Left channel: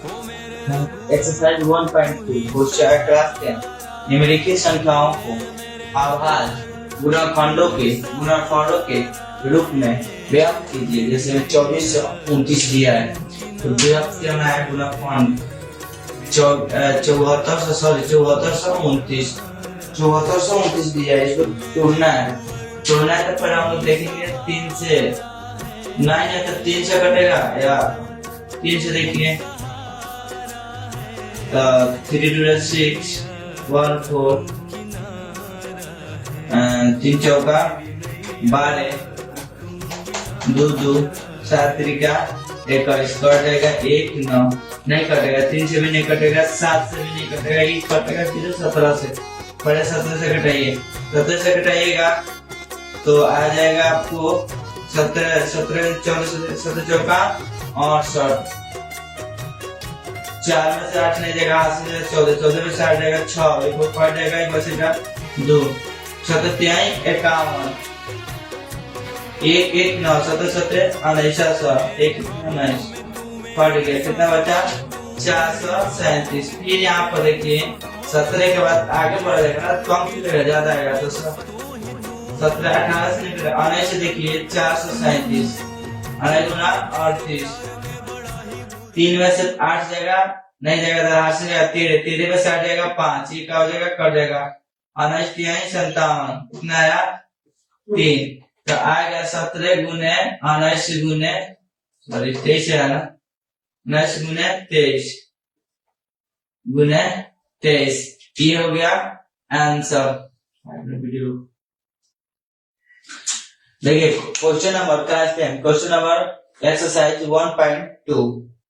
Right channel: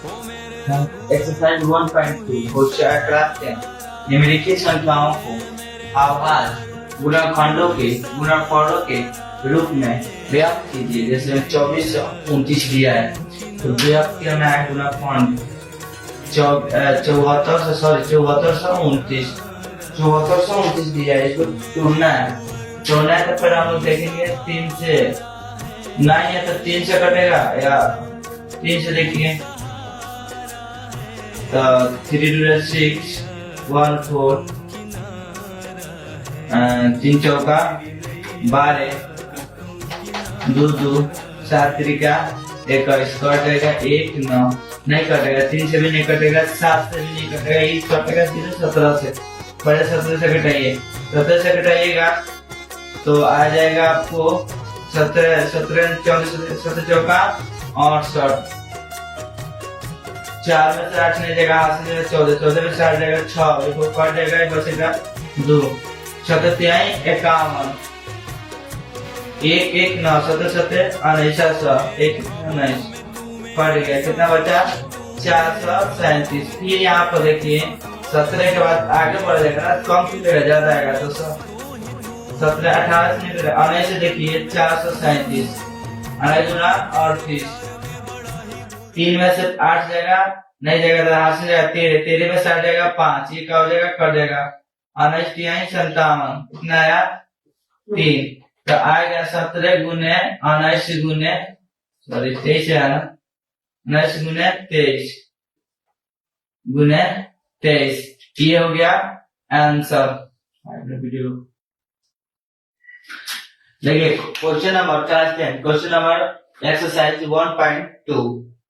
Exercise 1.2 question class 10 निम्नलिखित संख्याओं को आभाज्य गुणनखंडों के गुणनफलों के रूप में व्यक्त कीजिए। जैसे 2429 दिया है तो व्यक्त करना है गुणनखंड 7429 दिया है, इसको तोड़ना है। तो फिर हम लोग देखेंगे 3 से, नहीं है तो 3 से कटेगा या 3 से देखिए 3 2 6 1 4 3 चौका 12 2 2 7 त्रिका 21 कट जाएगा 1 9 नहीं कटेगा, 3 से भी नहीं कटेगा, 7 से भी नहीं कटेगा, 1 कटेगा सीधे 17 से। पहले 17 से कटाइए, 17 से कटाइएगा तो आ जाएगा आपको 17 चौका और 60 4 में से 8 नहीं जाएगा, 8 से 14 में से 8 जाएगा 6 एक पड़ जाएगा, एक बचेगा 2 7 51 1 1 9 7 7 1 19 पड़ गया, कितना बचा 437। फिर यहाँ पर देखिए 17 के बाद आगे बढ़ जाएगा, कम कितने ज्यादा आएगा तो 17 18 से निकलेगा, 19 से देखिए 437 38 3 में से 8 जाएगा नहीं जाएगा, 8 से जाएगा 13 में से 8 जाएगा 5, ये क्या हो जाएगा कट जाएगा 19 57 कितना आया 3, तो आएगा 17 गुने 19 गुने 23 है ना, 19 गुने 23 गुने 23, ये हो गया आंसर। देखिए question number question number exercise 1.2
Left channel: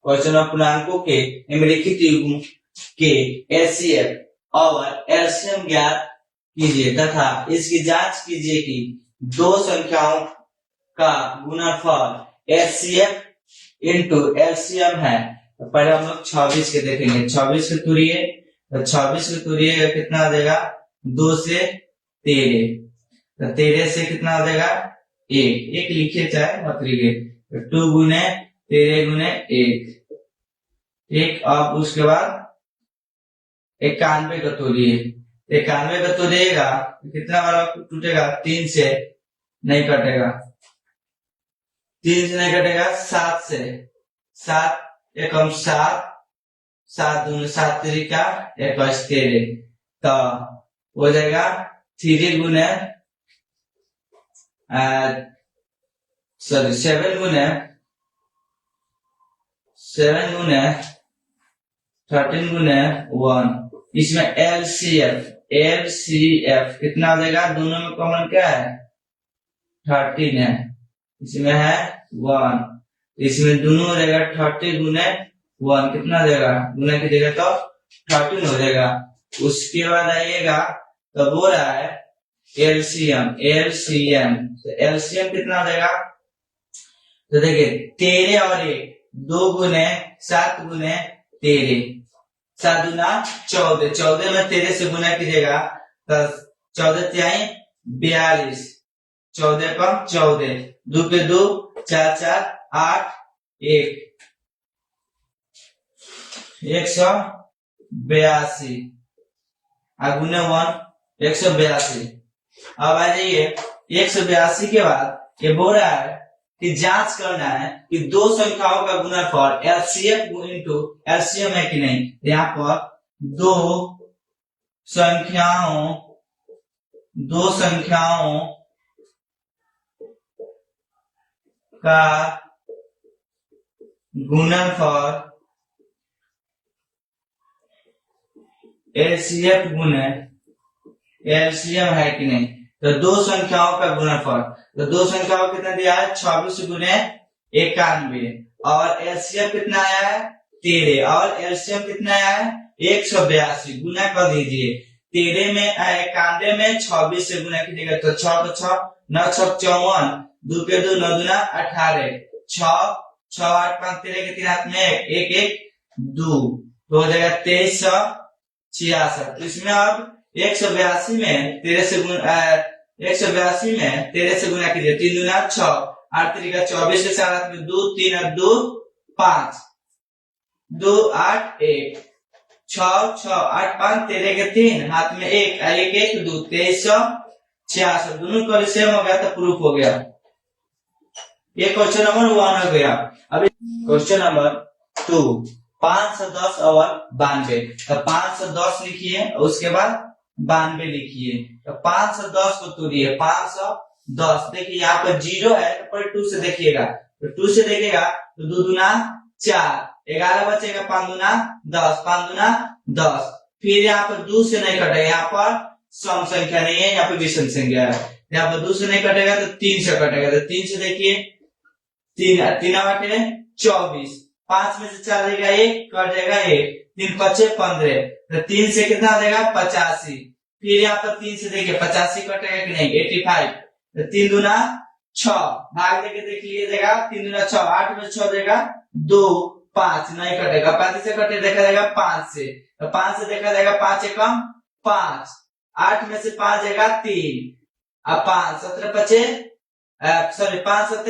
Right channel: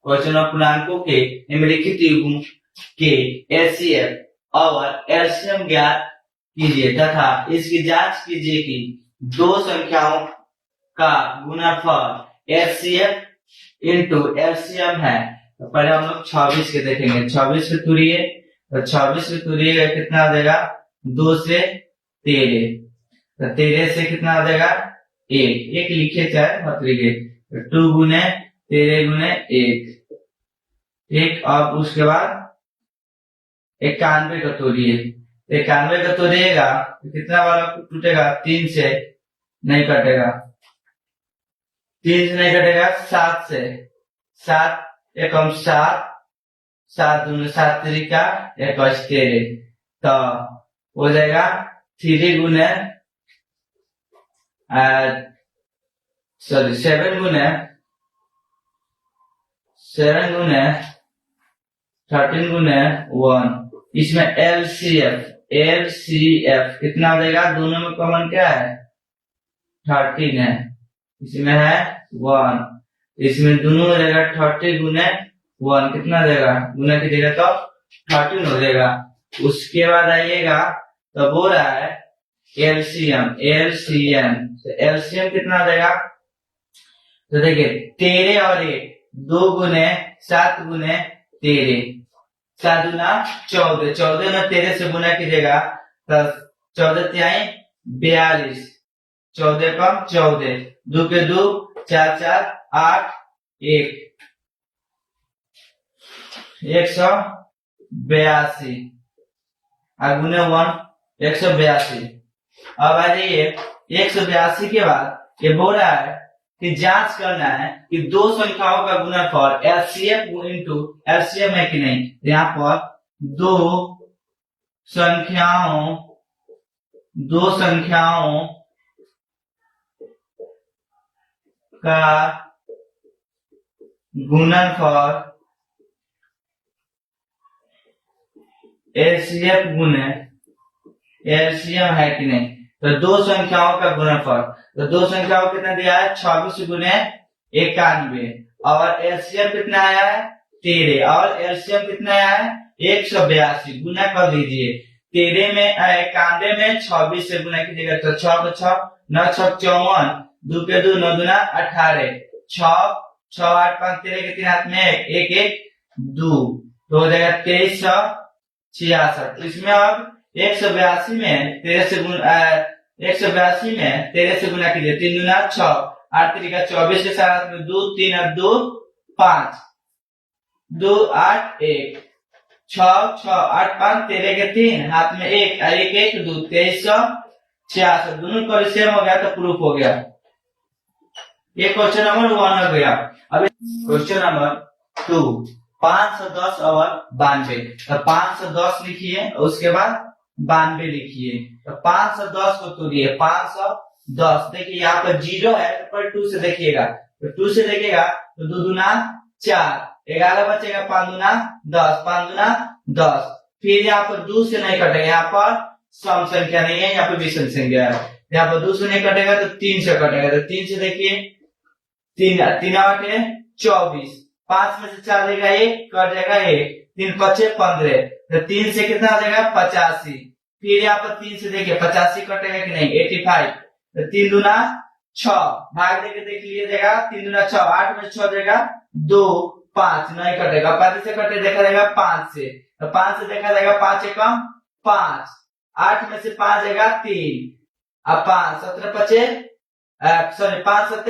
question पूर्णांकों के निम्नलिखित युग्म के एचसीएफ और एलसीएम ज्ञात कीजिए तथा इसकी जांच कीजिए कि दो संख्याओं का गुणनफल एचसीएफ इंटू एलसीएम है। तो पहले हम लोग 26 के देखेंगे, 26 के तुरिए तो 26 के तुरिए कितना आ जाएगा 2 से 13, तो 13 से कितना आ जाएगा 1 लिखे चाहे मत लिखे, 2 गुने 13 गुने 1 अब उसके बाद 91 का तोड़िए, 91 का तोड़िएगा कितना वाला टूटेगा 3 से नहीं कटेगा, 3 से नहीं कटेगा 7 से, 7 एकम 7 7 दूनी 7 तरीका 21 13, तो हो जाएगा 3 गुने 7 गुने 13 गुने 1, इसमें एलसीएफ कितना आ जाएगा, दोनों में कॉमन क्या है 13 है, इसमें है 1, इसमें दोनों हो जाएगा 30 गुने 1 कितना हो जाएगा, गुना कीजिएगा तो 13 हो जाएगा। उसके बाद आइएगा तो बोल रहा है एलसीएम तो एलसीएम कितना आ जाएगा, तो देखिए 13 और 1 2 गुने 7 गुने 13 7 गुना 14, 14 में 13 से गुना कीजिएगा तो 14 तिहाई 42, 14 कम 14, 2 के 2 4 4 8 1 182 गुने 1 182। अब आ जाइए 182 के बाद ये बोल रहा है कि जांच करना है कि दो संख्याओं का गुणनफल एलसीएम इंटू एलसीएम है कि नहीं। यहाँ पर दो संख्याओं का गुणनफल एलसीएम गुने एलसीएम है कि नहीं। तो दो संख्याओं का गुणनफल, तो दो संख्याओं कितना दिया है 26 गुने 91 और एलसीएम कितना आया है 13 और एलसीएम कितना आया है 182, गुना कर दीजिए 13 में 91 में 26 से गुना कीजिएगा तो 6 को 6 9 6 54, 2 के 2 9 दूना 18, 6 6 8 5 13 के 3 हाथ में 1 1 2 तो हो जाएगा 2366। इसमें अब 182 में 13 से गुना 182 में 13 से गुना कीजिए 3 दूना 6 8 3 का 24 के साथ 2 3 और 2 5 2 8 1 6 6 8 5 13 के 3 हाथ में 1 1 1 2 2346 दोनों को सेम हो गया तो प्रूफ हो गया। ये क्वेश्चन नंबर 1 हो गया। अब क्वेश्चन नंबर 2 510 और 92। तो 510 लिखिए उसके बाद 92 लिखिए। तो 510 को तोड़िए 510। देखिए यहाँ पर 0 है पर 2 से देखिएगा, तो 2 से देखिएगा तो 2 दूना 4 11 बचेगा, 5 दूना 10 5 दूना 10। फिर यहाँ पर 2 से नहीं कटेगा, यहाँ पर सम संख्या नहीं है, यहाँ पर विषम संख्या है। यहाँ पर 2 से नहीं कटेगा तो 3 से कटेगा। तो 3 से देखिए 3 3 8 24, 5 में से 4 देगा 1 कट जाएगा 1, 3 5 15। तो 3 से कितना आ जाएगा 85। फिर यहाँ पर 3 से देखिए 85 कटेगा कि नहीं 85। तो 3 दूना 6 भाग देके देख लीजिएगा 3 दूना 6 8 में 6 देगा 2 5 नहीं कटेगा, 5 से कटे देखा जाएगा 5 से। तो 5 से देखा जाएगा 5 एकम 5, 8 में से 5 देगा 3 अब 5 17 पचे सॉरी 5 7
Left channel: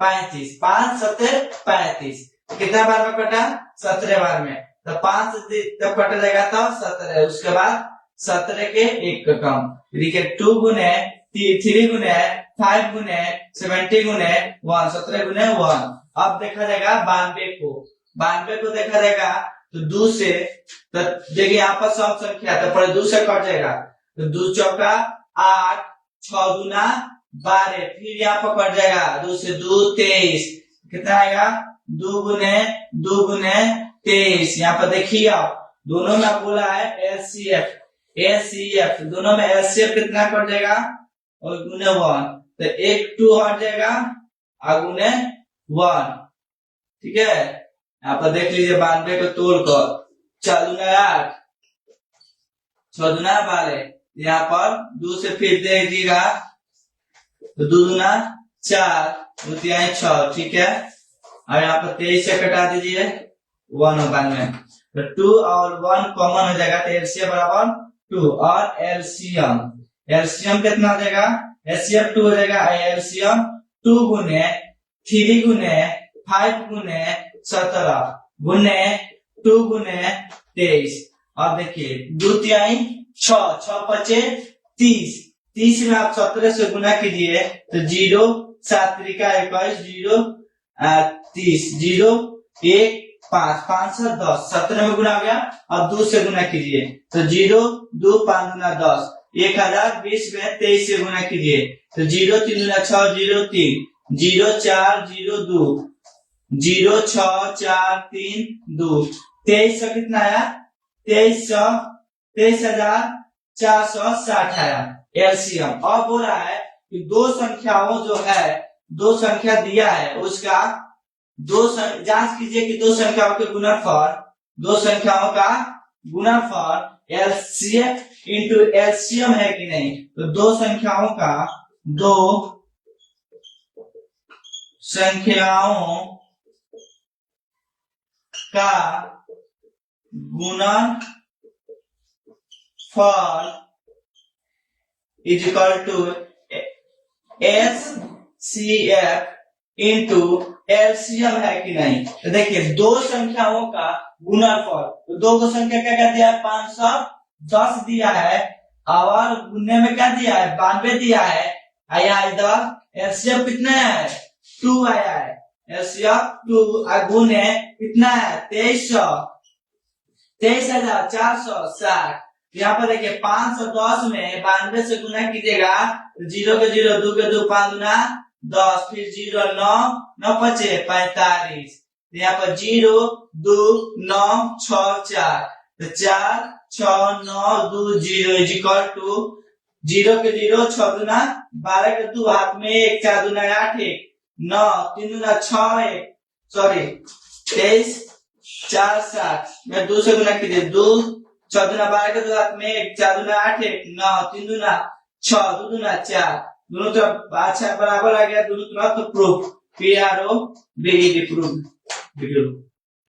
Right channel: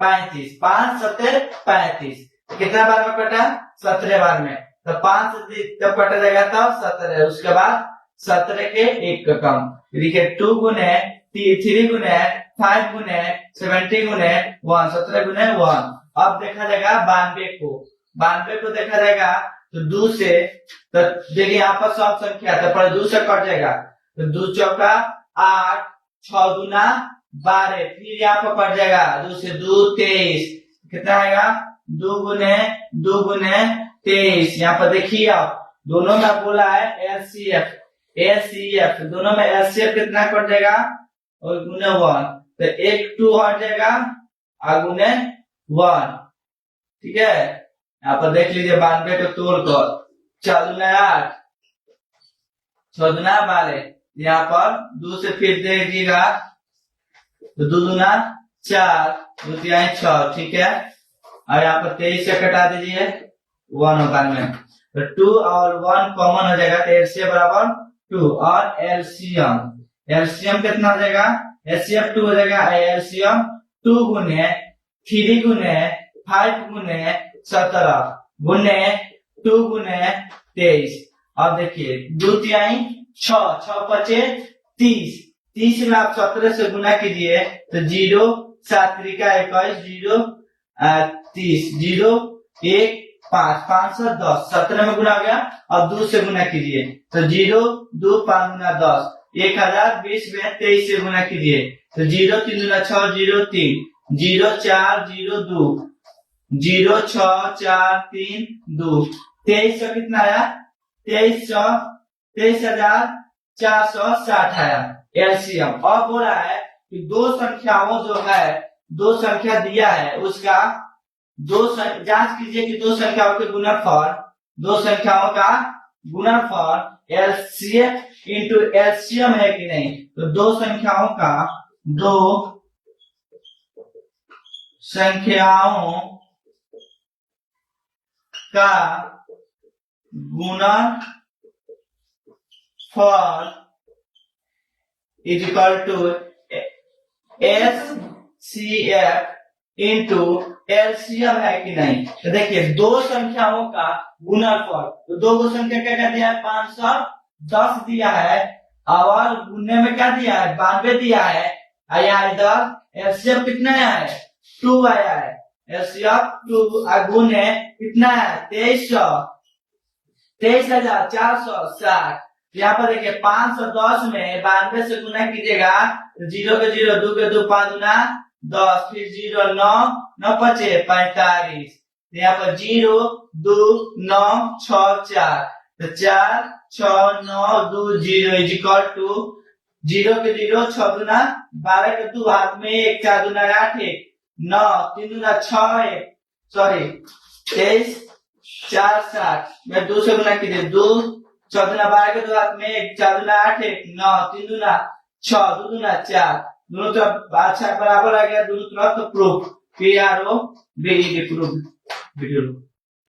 35 5 7 35 कितने बार में कटा 17 बार में। तो 5 से जब कटा जाएगा तो 17, उसके बाद 17 के 1 का कम देखिए 2 गुने 3 गुने 5 गुने 70 गुने 1 17 गुने 1। अब देखा जाएगा 92 को देखा जाएगा तो 2 से, तो देखिए यहाँ पर सब संख्या तो पर 2 से कट जाएगा तो 2 चौका 8 6 दूना 12, फिर यहाँ पर कट जाएगा 2 से 2 23 कितना आएगा 2 गुने 23। यहाँ पर देखिए आप दोनों में बोला है एलसीएफ दोनों में एलसीएफ कितना कट जाएगा और गुने 1, तो 1 2 हट जाएगा और गुने 1। ठीक है, यहाँ पर देख लीजिए 92 को तोड़ कर 4 दूना 8 6 दूना 12, यहाँ पर 2 से फिर देखिएगा तो 2 दूना 4 2 3 6। ठीक है, और यहाँ पर 23 से कटा दीजिए 1 होगा में, तो 2 और 1 कॉमन हो जाएगा तो एलसीएम बराबर 2 और एलसीएम कितना हो जाएगा एलसीएम 2 हो जाएगा। एलसीएम 2 गुने 3 गुने 5 गुने 17 गुने 2 गुने 23। अब देखिए 2 3 6 5 30 में आप 17 से गुना कीजिए तो 0 7 3 21 0 30 0 1 5 510 17 में गुना हो गया। अब 2 से गुना कीजिए तो 0 2 5 गुना 10 1020 में 23 से गुना कीजिए तो 0 3 गुना 6 0 3 0 4 0 2 0 6 4 3 2 2300 कितना आया 23,460 आया एलसीएम। अब हो रहा है कि दो संख्याओं जो है दो संख्या दिया है उसका जांच कीजिए कि दो संख्याओं के गुणनफल दो संख्याओं का गुणनफल एलसीएम इंटू एलसीएम है कि नहीं। तो दो संख्याओं का गुणनफल is equal to HCF into LCM है कि नहीं। तो देखिए दो संख्याओं का गुणनफल, तो दो संख्या क्या क्या दिया है 510 दिया है और गुणने में क्या दिया है 92 दिया है। आया इधर एलसीएम कितना है 2 आया है एलसीएम 2 गुणे कितना है 23,460। यहाँ पर देखिए 510 में 92 से गुना कीजिएगा तो 0 के 0 2 के 2 5 गुना 10 फिर 0 9 9 5 45। यहाँ पर 0 2 9 6 4 तो 4 6 9 2 0 इज इक्वल टू 0 के 0 6 गुना 12 के 2 हाथ में 1 4 गुना 8 1 9 3 गुना 6 1 सॉरी 23 4 7 में 2 से गुना कीजिए 2 6 गुना 12 के 2 हाथ में 1 4 गुना 8 1 9 3 गुना 6 2 गुना 4 दोनों तरफ अच्छा बराबर आ गया दोनों तरफ। तो प्रूफ PROV प्रूफ।